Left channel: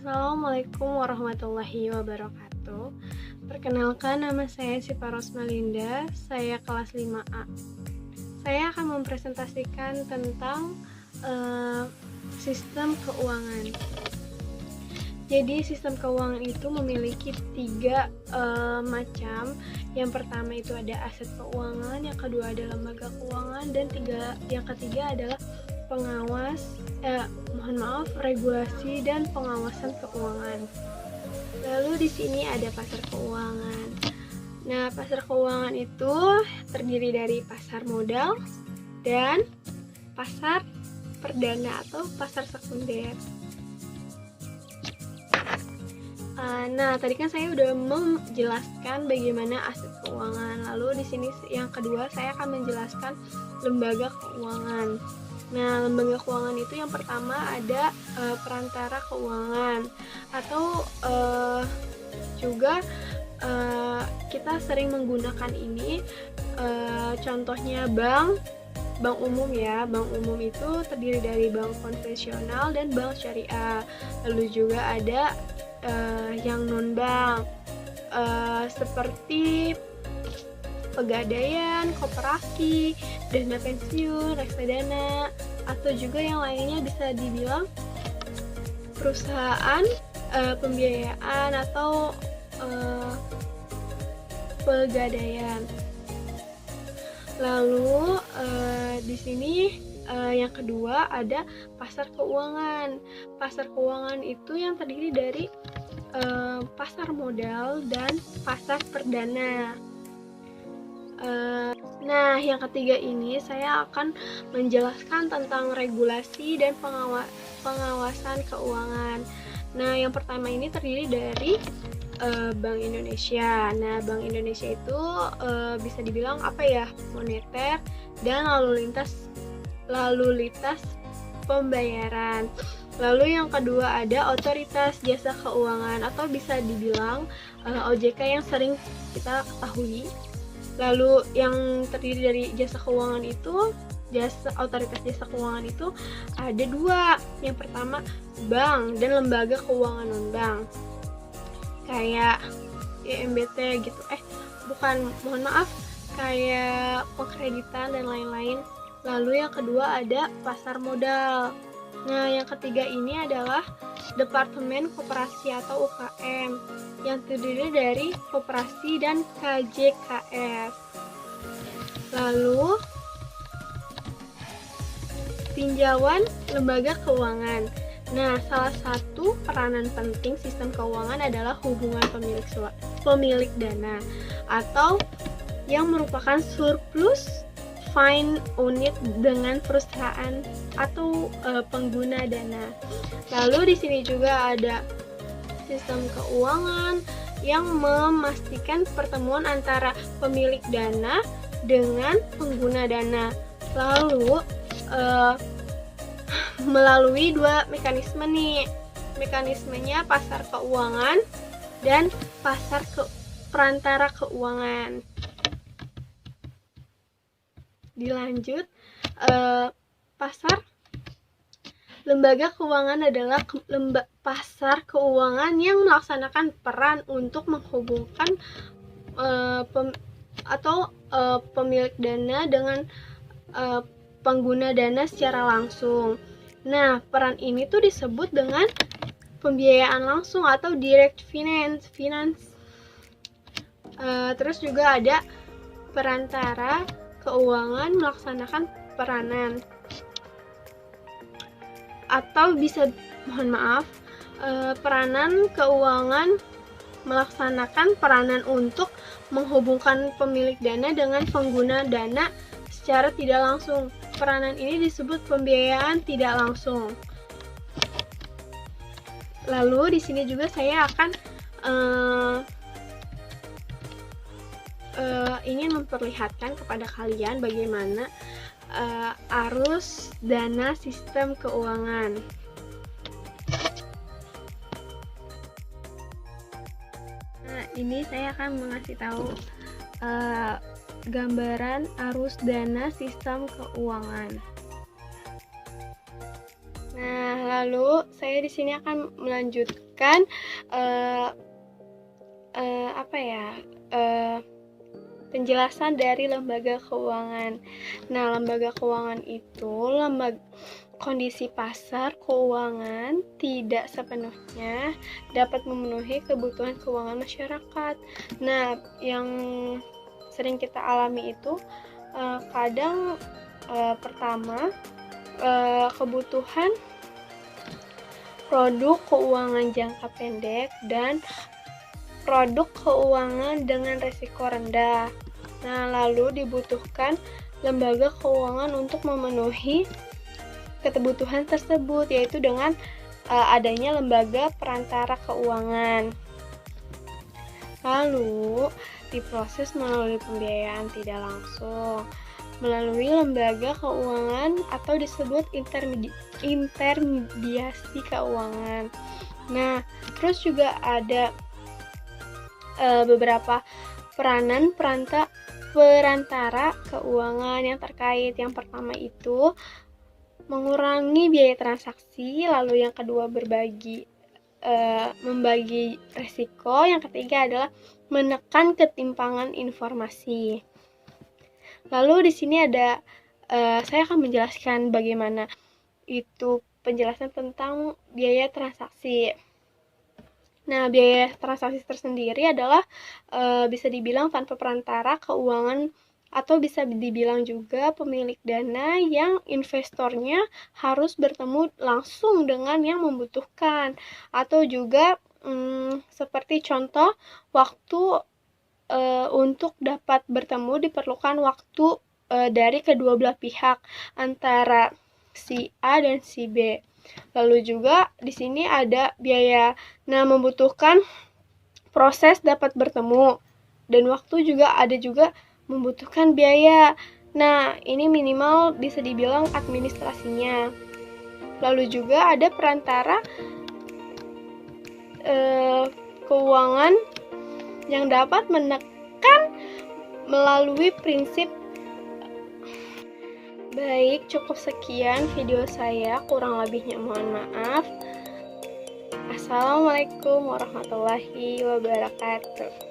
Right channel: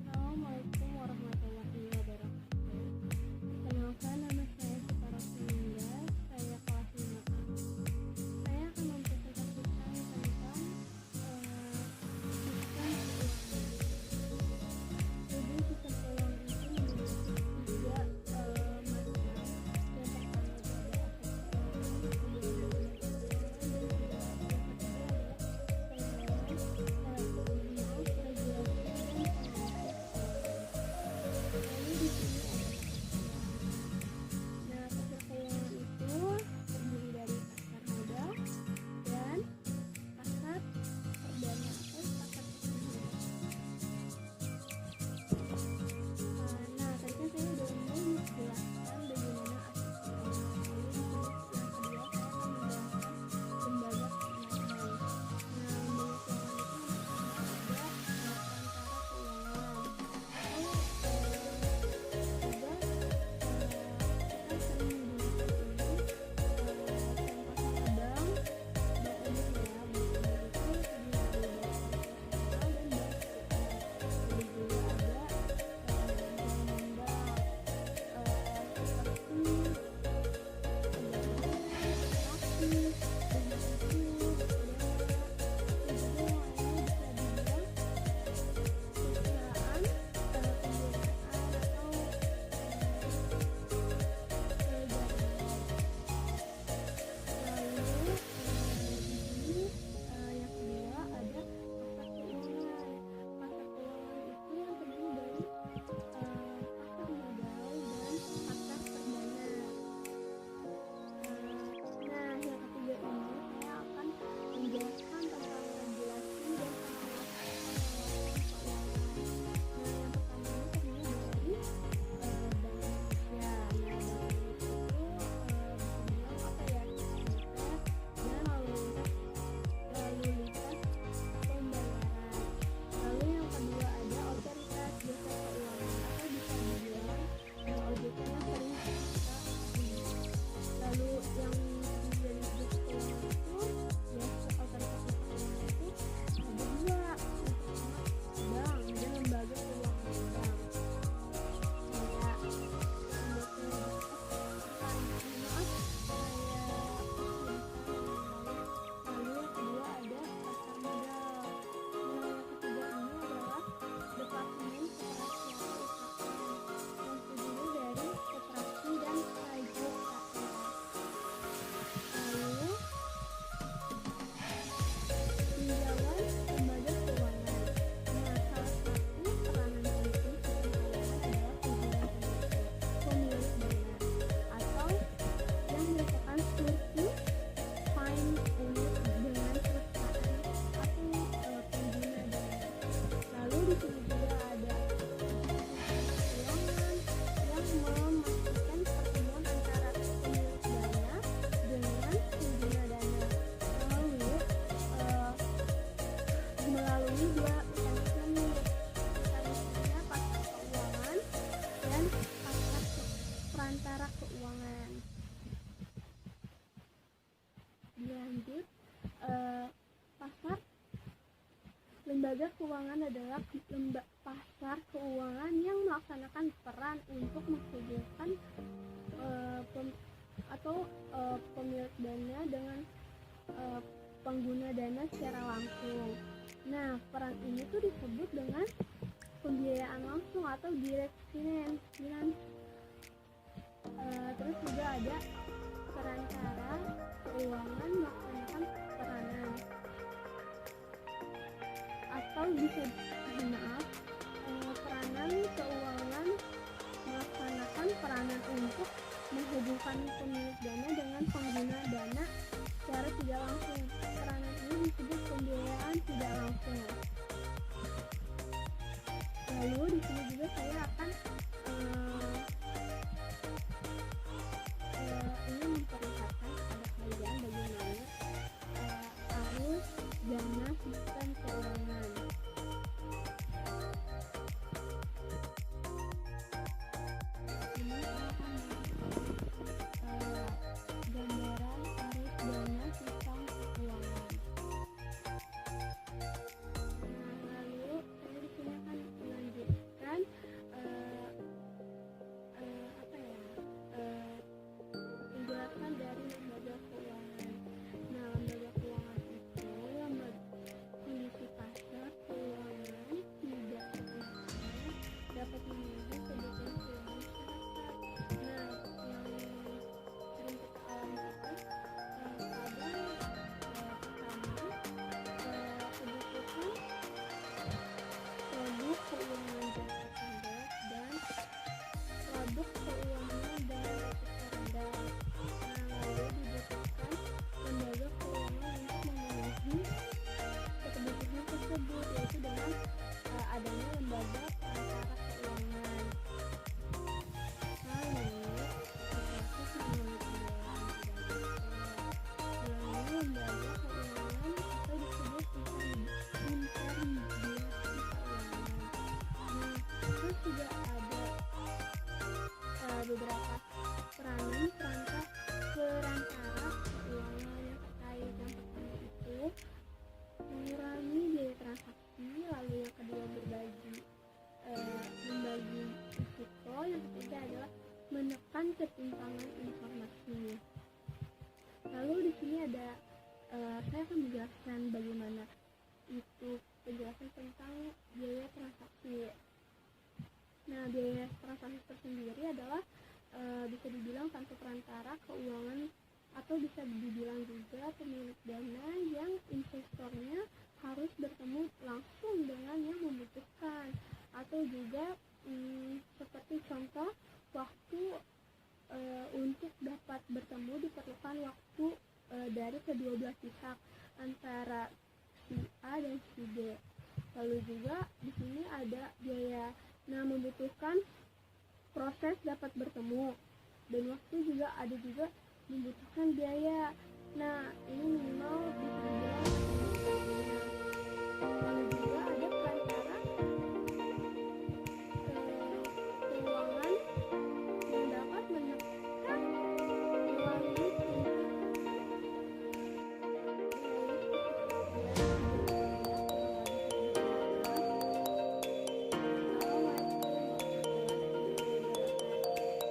Assalamualaikum warahmatullahi wabarakatuh. Perkenalkan, nama saya Syifa Rosmalinda, saya kelas 5A. Saya akan mempresentasikan tentang sistem keuangan. Jadi sistem keuangan itu memiliki tiga macam. Yang pertama itu ada aset keuangan, yang kedua ada lembaga keuangan, dan yang ketiga adalah regulasi dan pengawasan keuangan. Lalu di sini ada pasar keuangan. Nah, pasar keuangan itu terdiri dari pasar modal dan pasar perdana atau pasar sekunder. Nah, tadi kan saya udah menjelaskan bagaimana aset keuangan. Lalu di sini yang kedua saya akan menjelaskan lembaga keuangan. Nah, lembaga keuangan itu yang pertama ada perantara keuangan atau juga kita sering menggunakan ini. Contohnya bank umum ya. Bank umum itu terdiri dari bank konvensional dan bank syariah. Lalu juga ada yang non bank seperti pegadaian, koperasi, dana pensiun, reksadana, atau juga yang lainnya bisa dibilang perusahaan pembiayaan atau pegadaian. Lalu di sini yang kedua ada pasar keuangan. Pasar keuangan itu yang terdiri dari pasar modal dan pasar perdana. Nah, yang ketiga ini saya akan menjelaskan tentang regulasi dan pengawasan keuangan. Nah, yang pertama ini terdiri dari Bank Indonesia. Nah, Bank Indonesia itu bisa dibilang moneter dan lalu lintas pembayaran. Lalu yang kedua ada Otoritas Jasa Keuangan atau bisa dibilang OJK yang sering kita ketahui. Lalu yang terdiri dari jasa keuangan itu, otoritas jasa keuangan itu ada dua. Yang pertama bank dan lembaga keuangan non bank kayak IMBT gitu. Kayak pengkreditan dan lain-lain. Lalu yang kedua ada pasar modal. Nah, yang ketiga ini adalah Departemen Koperasi atau UKM yang terdiri dari koperasi dan KJKS. Lalu tinjauan lembaga keuangan. Nah, salah satu peranan penting sistem keuangan adalah hubungan pemilik dana atau yang merupakan surplus fund unit dengan perusahaan atau pengguna dana. Lalu di sini juga ada sistem keuangan yang memastikan pertemuan antara pemilik dana dengan pengguna dana. Lalu melalui dua mekanisme nih. Mekanismenya pasar keuangan dan pasar perantara keuangan. Dilanjut, pasar lembaga keuangan adalah pasar keuangan yang melaksanakan peran untuk menghubungkan pemilik dana dengan pengguna dana secara langsung. Nah, peran ini tuh disebut dengan pembiayaan langsung atau direct finance. Terus juga ada perantara keuangan melaksanakan peranan atau peranan keuangan melaksanakan peranan untuk menghubungkan pemilik dana dengan pengguna dana secara tidak langsung. Peranan ini disebut pembiayaan tidak langsung. Lalu di sini juga saya akan ingin memperlihatkan kepada kalian bagaimana arus dana sistem keuangan. Nah, ini saya akan mengasih tahu gambaran arus dana sistem keuangan. Nah, lalu saya di sini akan melanjutkan penjelasan dari lembaga keuangan. Nah, lembaga keuangan itu kondisi pasar keuangan tidak sepenuhnya dapat memenuhi kebutuhan keuangan masyarakat. Nah, yang sering kita alami itu kadang pertama kebutuhan produk keuangan jangka pendek dan produk keuangan dengan risiko rendah. Nah, lalu dibutuhkan lembaga keuangan untuk memenuhi kebutuhan tersebut, yaitu dengan adanya lembaga perantara keuangan. Lalu diproses melalui pembiayaan tidak langsung melalui lembaga keuangan atau disebut intermediasi keuangan. Nah, terus juga ada beberapa peranan perantara keuangan yang terkait. Yang pertama itu mengurangi biaya transaksi, lalu yang kedua membagi risiko, yang ketiga adalah menekan ketimpangan informasi. Lalu di sini ada saya akan menjelaskan bagaimana itu penjelasan tentang biaya transaksi. Nah, biaya transaksi tersendiri adalah bisa dibilang tanpa perantara keuangan atau bisa dibilang juga pemilik dana yang investornya harus bertemu langsung dengan yang membutuhkan, atau juga seperti contoh waktu untuk dapat bertemu diperlukan waktu dari kedua belah pihak antara si A dan si B. Lalu juga di sini ada biaya, membutuhkan proses dapat bertemu, dan waktu juga ada juga membutuhkan biaya. Nah, ini minimal bisa dibilang administrasinya. Lalu juga ada perantara keuangan yang dapat menekan melalui prinsip. Baik, cukup sekian video saya, kurang lebihnya mohon maaf. Assalamualaikum warahmatullahi wabarakatuh.